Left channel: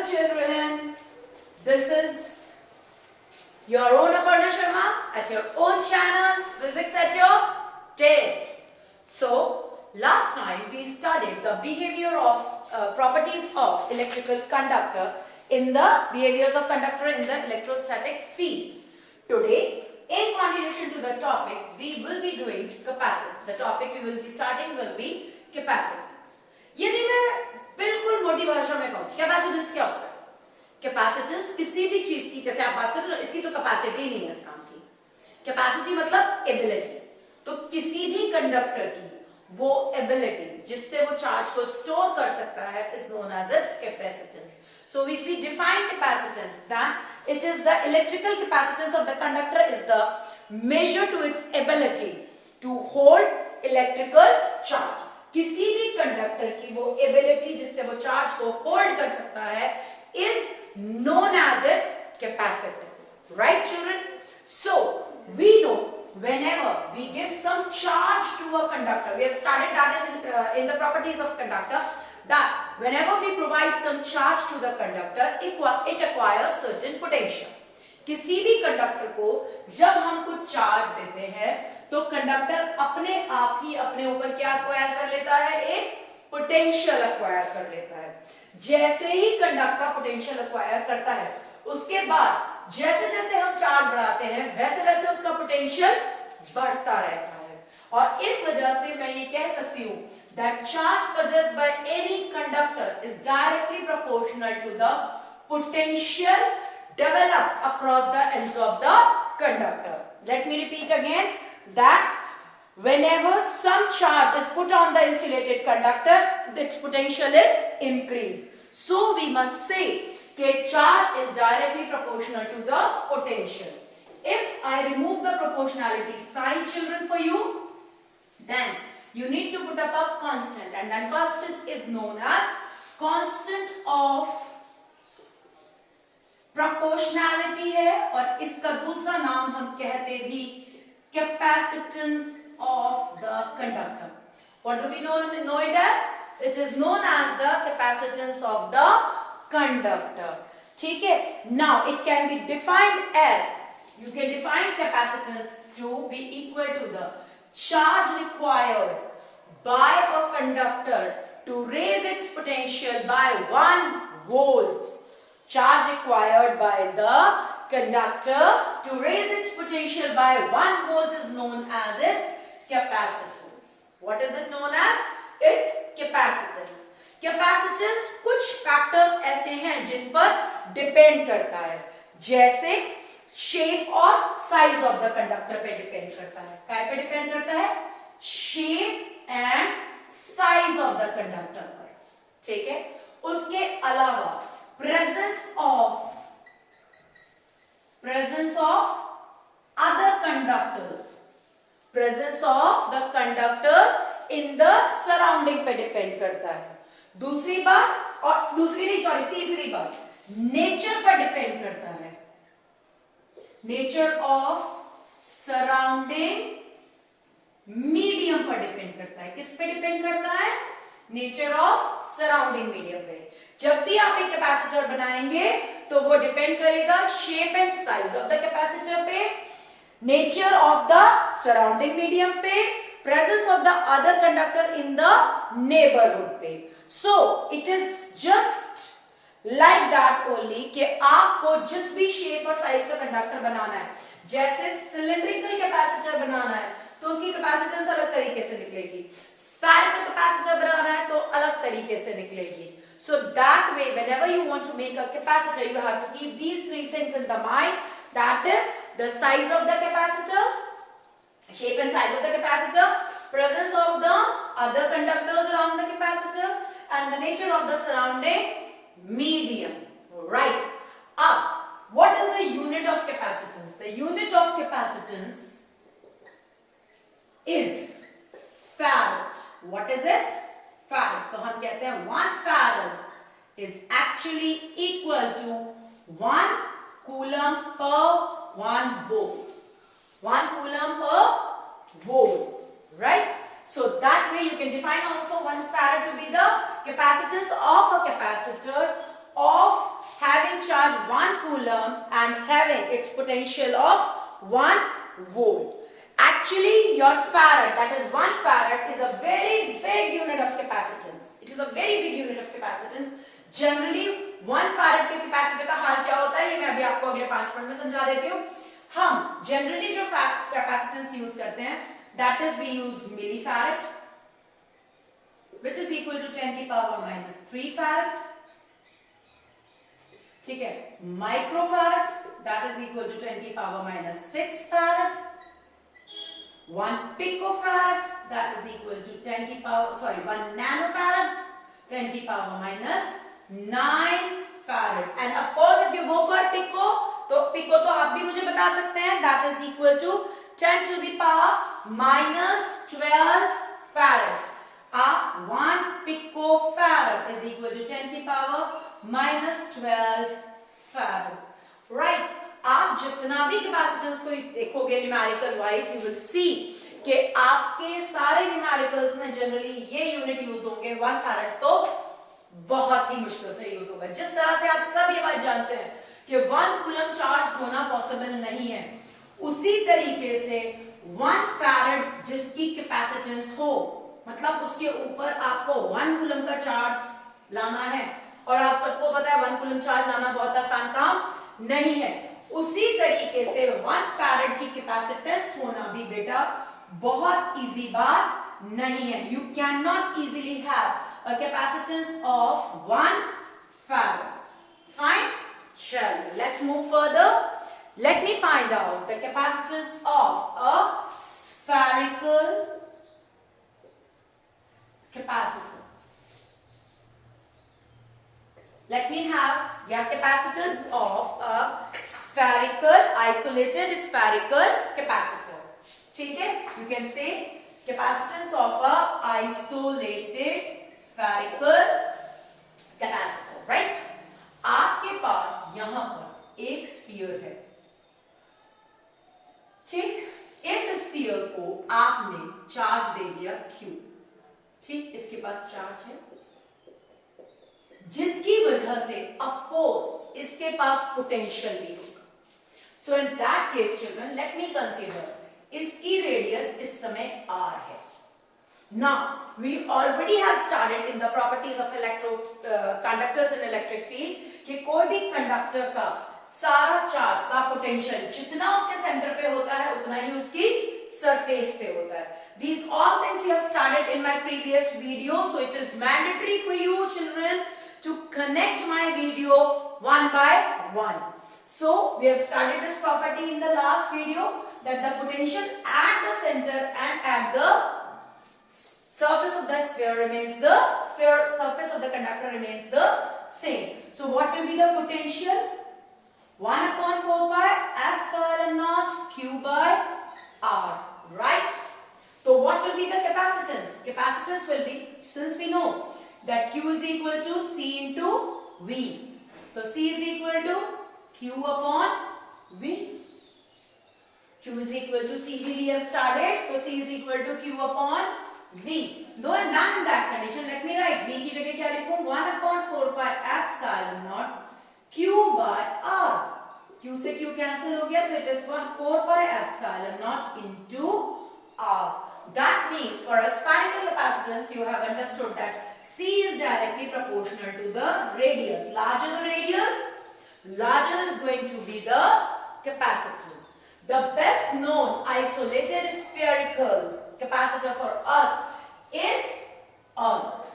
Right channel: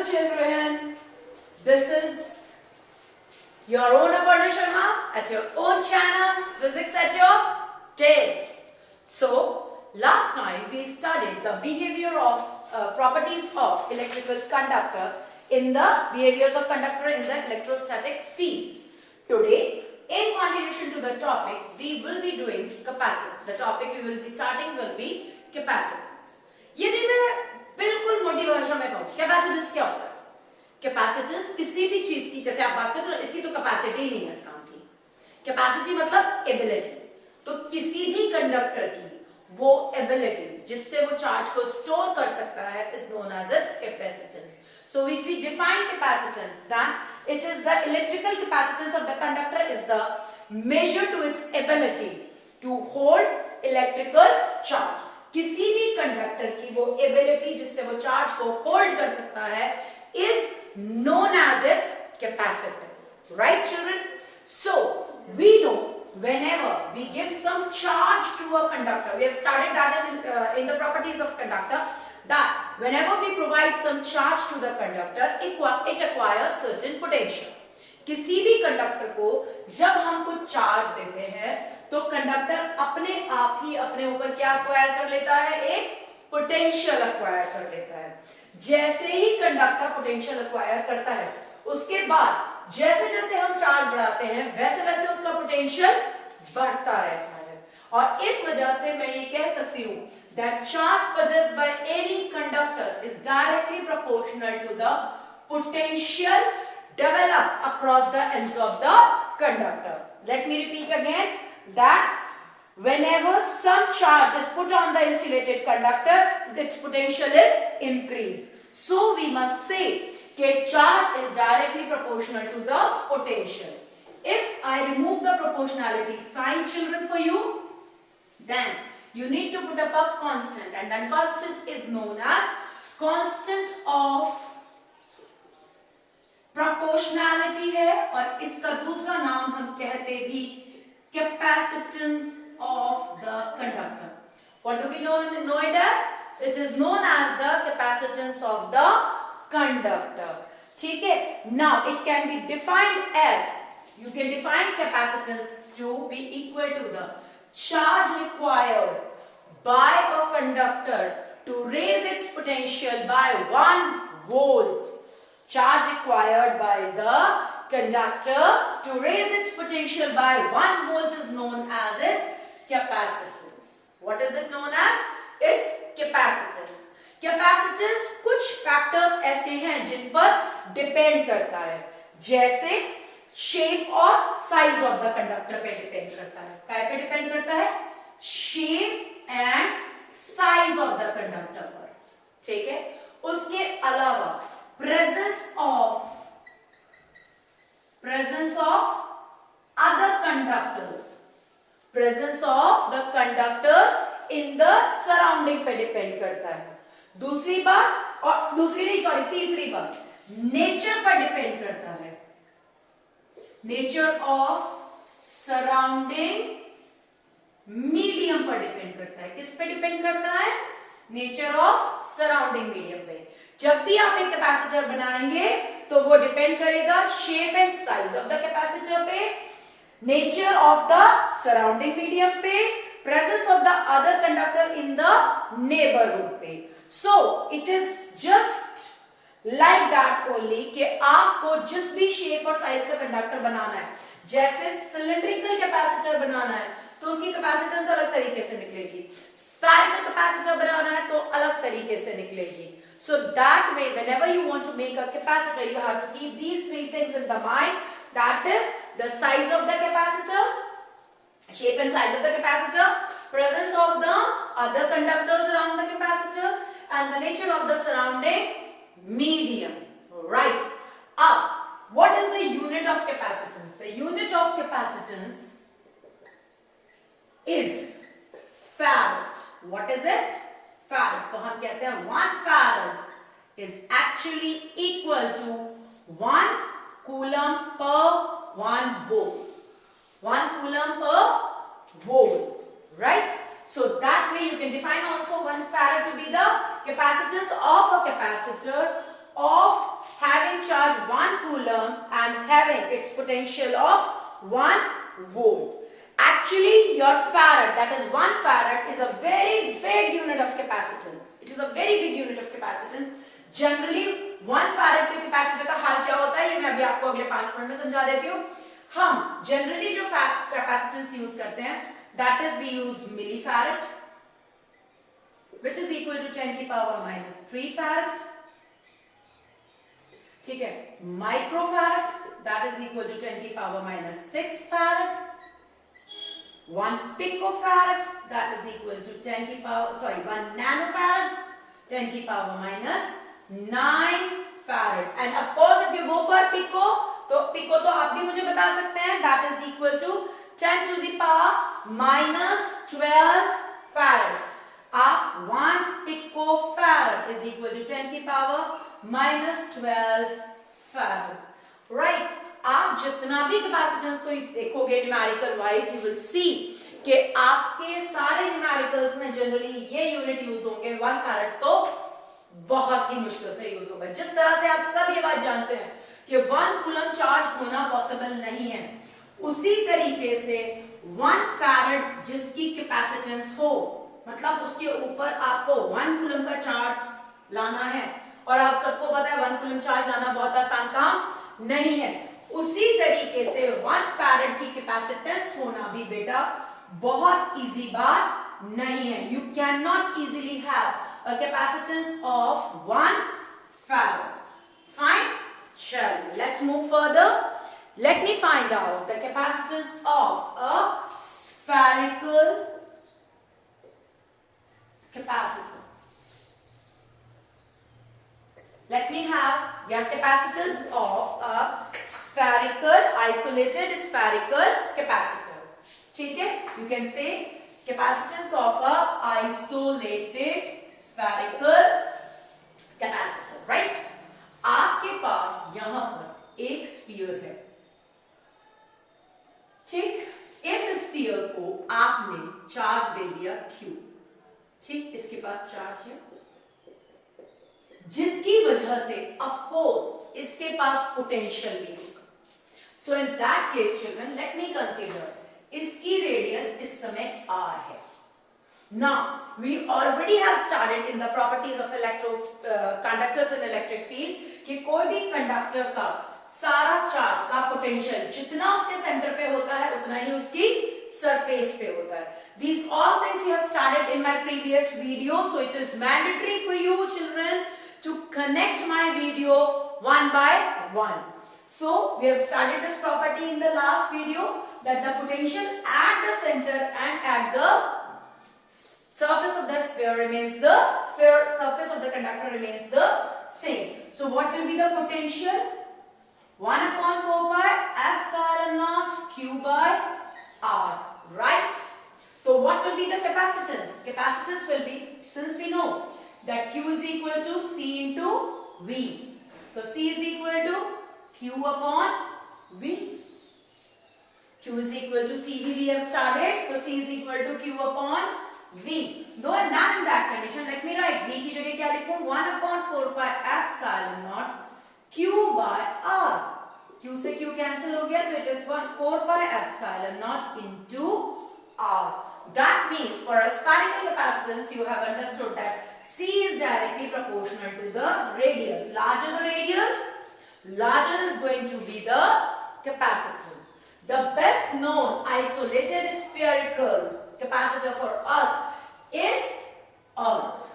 Hello children, this is your own Aparna Sharma at your own channel, Physics at Your Tips. So, last time we studied the behavior of properties of electrical conductor in the behaviors of conductor in the electrostatic field. Today, in continuation to the topic, we will be doing capacitance. The topic we will be starting will be capacitance. यदि मैं बिल्कुल मोटी भाषा में कहूँ capacitance क्या होता है? कैपेसिटेंस किसी भी चीज की, जैसे आप बात करें तो इसकी तो कैपेसिटी नहीं है इस काम की। कैपेसिटी मतलब एबिलिटी। तो किसी भी कंडक्टर की वो एबिलिटी जिससे वो चार्ज को स्टोर कर सकता है is known as its capacitance. So if we define capacitance, then it is the electrical capacitance of the conductor is the measure to its ability to hold electrical charge. किसी भी conductor की वो ability जिससे वो charge को hold कर सकता है is known as its capacitance. Right, children? So we know whenever we give some charge to a conductor, we have studied that in the properties of conductor, that whenever we provide some charge to the conductor, it acquires certain potential. किसी भी conductor को जब हम कुछ charge देते हैं तो conductor अपने आप ही अपने ऊपर क्या अक्वायर कर लेता है? एक पोटेंशियल अक्वायर कर लेता है. जैसे ही कंडक्टर पोटेंशियल अक्वायर करता है उसके बाद जैसे जैसे हम चार्ज बढ़ाते हैं वैसे वैसे उसका पोटेंशियल बढ़ता रहता है. और इस वजह से मैं ये कह सकती हूँ that charge possessed by any conductor is directly proportional to the potential developed across the ends of the conductor. Let me repeat again that whenever some charge is put on the insulated conductor, its potential is increased. So we must say that charge is directly proportional to the potential. If I remove the proportionality sign, children, for you, then you need to put up a constant, and that constant is known as constant of proportionality है और इसका दूसरा नाम हम कहते भी capacitance of the conductor. What do we know it as? It is known as the capacitance of the conductor. ठीक है? Now it can be defined as, you can define capacitance to be equal to the charge required by a conductor to raise its potential by 1 volt. Charge required by the conductor to raise its potential by 1 volt is known as its capacitance. What is it known as? Its capacitance. Capacitance कुछ factors ऐसे हैं जिन पर depend करता है, जैसे shape और size of the conductor पे depend करता है. काय पे डिपेंड करता है? Shape and size of the conductor पर. ठीक है? उसके अलावा presence of other conductors, presence of the conductors in the surrounding पे डिपेंड करता है. तीसरी बात नेचर पर डिपेंड करता है. नेचर ऑफ सराउंडिंग मीडियम पर डिपेंड करता है. किस पे डिपेंड करता है? नेचर ऑफ सराउंडिंग मीडियम पे. जब भी आप एक कैपेसिटर बनाएंगे तो वो डिपेंड करेगा shape and size of the capacitor पे, nature of the surrounding medium पे, presence of the other conductor in the neighbourhood पे. So it is just like that only कि आपको जिस भी शेप और साइज का कंडक्टर बनाना है, जैसे सिलिंड्रिकल कैपेसिटर बनाना है तो उसकी कैपेसिटेंस अलग तरीके से निकलेगी, स्फेरिकल कैपेसिटर बनाना है तो अलग तरीके से निकलेगी. So that way, whenever you want to make a capacitor, you have to keep these three things in the mind. That is the size of the capacitor, shape and size of the capacitor, presence of the other conductors around the capacitor, and the nature of the surrounding medium. Right. What is the unit of capacitance? The unit of capacitance is farad. What is it? Farad. तो हम कहते हैं 1 farad is actually equal to 1 coulomb per 1 volt. 1 coulomb per volt. Right? So that way you can define also 1 farad to be the capacitance of a capacitor of having charge 1 coulomb and having its potential of 1 volt. Actually, your farad, that is 1 farad, is a very big unit of capacitance. It is a very big unit of capacitance. Generally 1 farad के capacitor का हाल क्या होता है ये मैं अभी आपको अगले 5 मिनट में समझा देती हूँ. हम जनरली जो कैपेसिटेंस यूज करते हैं, that is we use millifarad, which is equal to 10 की पावर minus 3 farad. ठीक है, microfarad, that is equal to 10 की power minus 6 farad. 1 picofarad, that is equal to 10 की पावर 1 nanofarad, 10 की power minus 9 farad. And of course if you go for pico, तो pico तो आप भी मुझे बता सकते हैं, that is equal to 10 to the power minus 12 farad. 1 picofarad is equal to 10 की power minus 12 farad. Right? आप जितना भी कैपेसिटेंस को देखोगे numerical wise, you will see कि आपके सारे न्यूमेरिकल्स में जनरली ये यूनिट यूज होंगे. 1 farad तो बहुत ही मुश्किल से यूज होगा. जिस तरह से आप सब ये बात जानते हैं कि 1 कूलम चार्ज होना पॉसिबल नहीं है, उसी तरीके से 1 farad जिसकी कैपेसिटेंस हो, मतलब उसके ऊपर आपको 1 कूलम का चार्ज लाना है, और आप सबको पता है 1 कूलम चार्ज लाना बहुत आसान काम नहीं है. उसी तरीके से 1 farad की कैपेसिटेंस होना भी बेटा बहुत इजी बात नहीं है. You can not easily have a capacitance of 1 farad. Fine? Chalo, let's move further. Let me find out the capacitance of a spherical capacitor. Let me have your capacitance of a spherical, isolated spherical capacitor. ठीक है? You can say capacitance of a isolated spherical capacitor, right? आपके पास यहां पर एक sphere है. ठीक, इस sphere को आपने चार्ज दे दिया Q. ठीक, इसके पास चार्ज है, जिसकी वजह से ऑफ कोर्स इसके पास पोटेंशियल भी होगा. So in that case children, let me consider इसकी रेडियस इस समय R है. Now, we already have started in the properties of conductors in electric field कि कोई भी कंडक्टर का सारा चार्ज का पोटेंशियल जितना उसके सेंटर पे होता है उतना ही उसकी सरफेस पे होता है. These all things you have started in my previous video, so it is mandatory for you children to connect my video one by one. So we have started this property in the last video that the potential at the center and at the surface of the sphere remains the surface of the conductor remains the same. So what will be the potential? 1 upon 4 pi epsilon naught Q by R, right? So what will be the capacitance? Capacitance will be, since we know that Q is equal to C into V. So C is equal to Q upon V. Q is equal to CV we have started. So C is equal to Q upon V. Though and not in that condition, let me write V की जगह क्या लिखूं? 1 upon 4 pi epsilon naught Q by R. Q से Q cancel हो गया, तो it is 4 pi epsilon naught into R. That means for a spherical capacitance, you have understood that C is directly proportional to the radius. Larger the radius, larger is going to be the capacitance. The best known isolated spherical capacitor for us is Earth.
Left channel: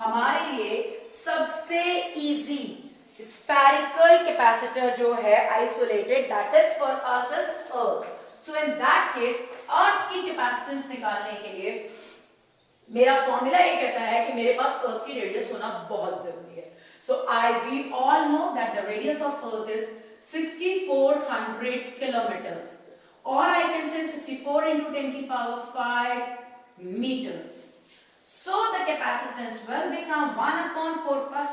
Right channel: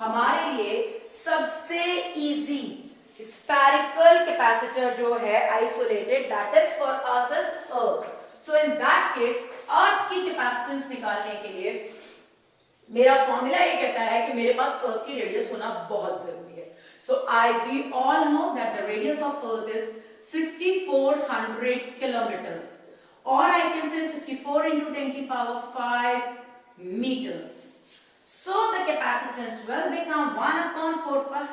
हमारे लिए सबसे easy spherical capacitor जो है isolated, that is for us is Earth. So in that case, Earth की capacitance निकालने के लिए मेरा फॉर्मूला ये कहता है कि मेरे पास Earth की रेडियस होना बहुत जरूरी है. So we all know that the radius of Earth is 6400 kilometers. Or I can say 64 into 10 to the power 5 meters. So the capacitance will become 1 upon 4 pi,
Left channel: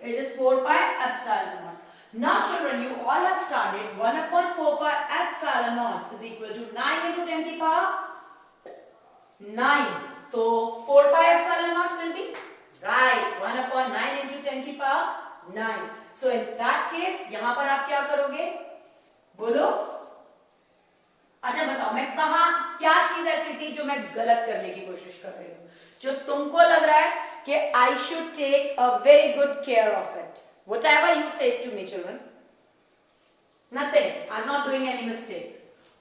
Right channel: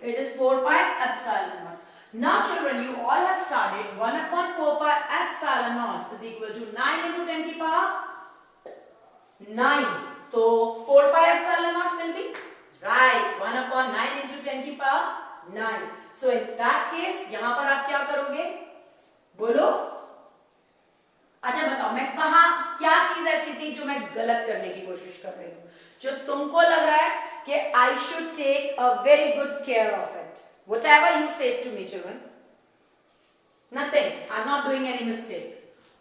it is 4 pi epsilon naught. Now children, you all have started 1 upon 4 pi epsilon naught is equal to 9 into 10 to the power 9. So 4 pi epsilon naught will be right, 1/9 into 10 की power 9. So in that case यहां पर आप क्या करोगे, बोलो. अच्छा बताओ, मैं कहा क्या चीज ऐसी थी जो मैं गलत करने की कोशिश कर रही हूं, जो तुमको लग रहा है कि I should take a very good care of it. Whatever you say to me, children. Nothing. I'm not doing any mistake.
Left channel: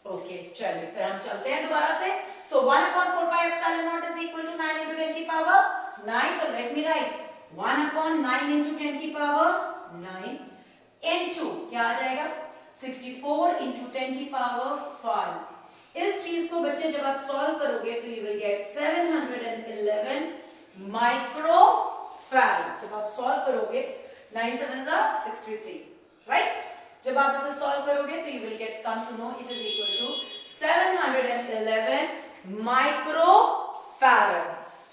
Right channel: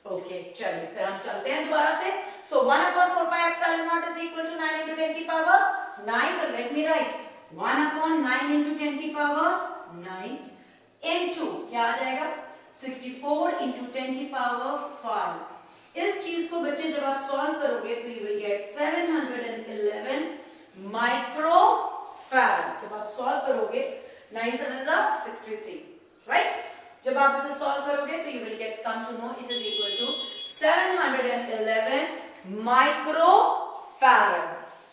Okay, चलिए फिर हम चलते हैं दोबारा से. So 1/4 pi epsilon naught is equal to 9 into 10 की पावर 9. तो let me write 1/9 into 10 की पावर 9 into क्या आ जाएगा 64 into 10 की पावर 5. इस चीज को बच्चे जब आप सॉल्व करोगे तो you will get 711 माइक्रोफैरड. जब आप सॉल्व करोगे 9 7s are 63, right? जब आप इसे सॉल्व करोगे तो you will get come to know it is equal to 711 microfarad.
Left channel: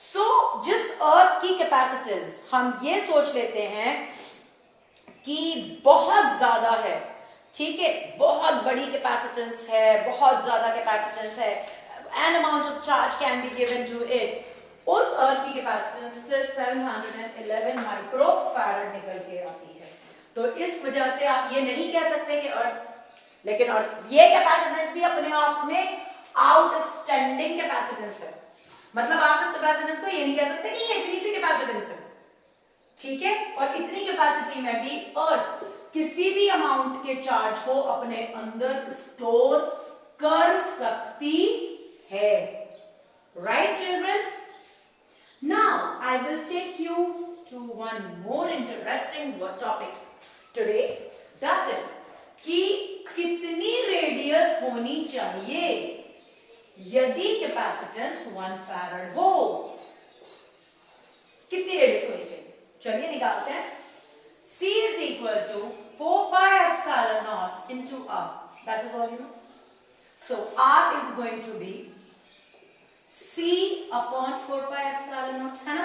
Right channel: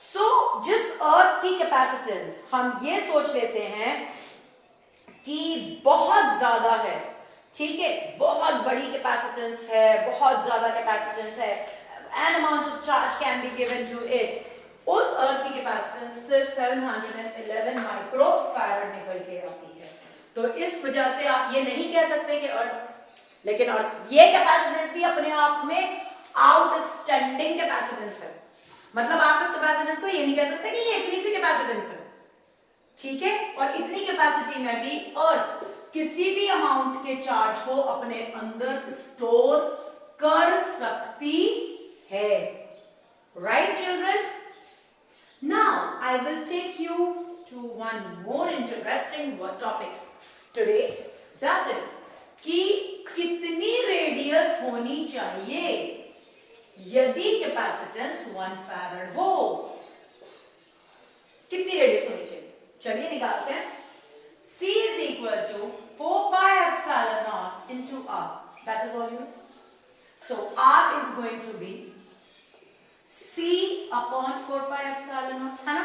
So जिस अर्थ की कैपेसिटेंस हम ये सोच लेते हैं कि बहुत ज्यादा है, ठीक है, बहुत बड़ी कैपेसिटेंस है, बहुत ज्यादा कैपेसिटेंस है, an amount of charge can be given to it, उस अर्थ की कैपेसिटेंस सिर्फ 711 माइक्रोफैरड निकल के आती है. तो इस वजह से आप ये नहीं कह सकते कि अर्थ, लेकिन अर्थ ये कैपेसिटेंस भी अपने आप में आउटस्टैंडिंग कैपेसिटेंस है. मतलब आप इस कैपेसिटेंस को ये नहीं कह सकते कि ये इतनी सी कैपेसिटेंस है, ठीक है, और इतनी कैपेसिटी में भी अर्थ किसी भी अमाउंट के चार्ज को अपने अंदर स्टोर कर सकती है. Right children? Now I will take you to one more interesting topic today, that is कि कितनी रेडियस होनी चाहिए यदि कैपेसिटेंस 1 फैरड हो. कितनी रेडियस होनी चाहिए, चलिए निकालते हैं. C is equal to 4 pi epsilon naught into R. That is all you know. So R is going to be C upon 4 pi epsilon naught, है ना.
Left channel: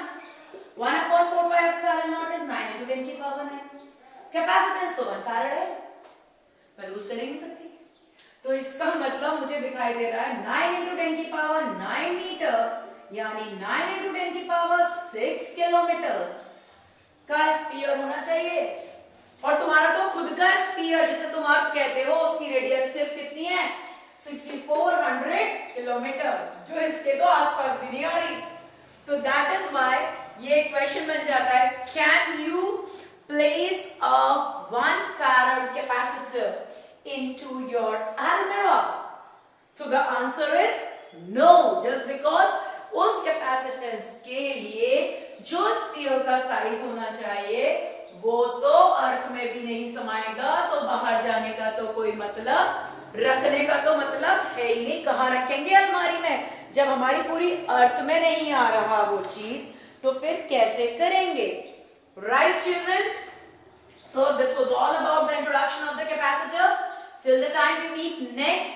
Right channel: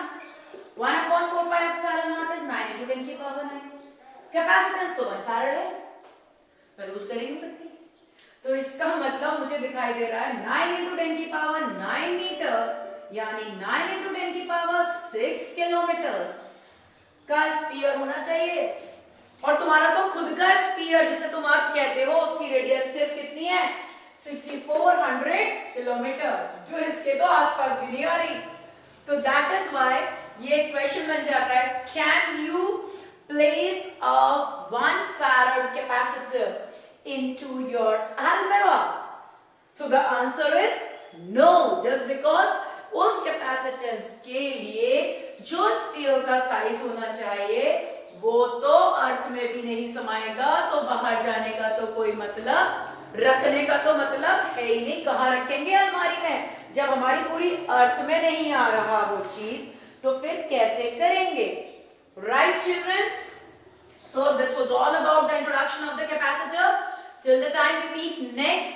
1/4 pi epsilon naught is 9 into 10 की power 9. Capacitance तो 1 farad है, मैं तो कुछ कर ही नहीं सकती. तो इसका मतलब मुझे दिखाई दे रहा है 9 into 10 की पावर 9 मीटर, यानी 9 into 10 की पावर 6 किलोमीटर का स्फीयर होना चाहिए. और तुम्हारा तो खुद का स्फीयर जिसे तुम अर्थ कहते हो, उसकी रेडियस सिर्फ कितनी है 6400 किलोमीटर, जो इसके तो आसपास भी नहीं आ रही. तो दैट इज व्हाई ये क्वेश्चन बन जाता है, can you place a 1 farad capacitor into your अलमीरा? So the answer is no, just because उस कैपेसिटेंस के लिए जो स्फीयर का साइज होना चाहिए वो तो अर्थ में भी नहीं समाएगा, तो बाहर जाने का तो कोई मतलब, रखने का तो मतलब है ही नहीं. कहां रखेंगे अलमारी में, जब हमारी पूरी अर्थ में नहीं आ रहा वो चीज, तो फिर कैसे करेंगे. Right children? So this was all about the introduction of the capacitor. Till the time we meet next,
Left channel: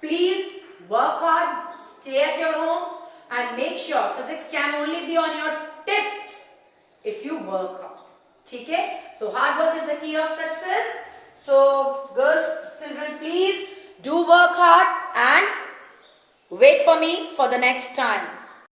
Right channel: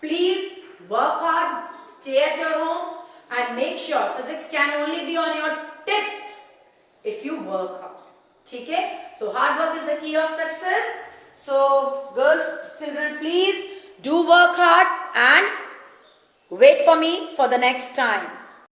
please work hard, stay at your home and make sure physics can only be on your tips if you work hard. ठीक है? So hard work is the key of success. So girls, children, please do work hard and wait for me for the next time.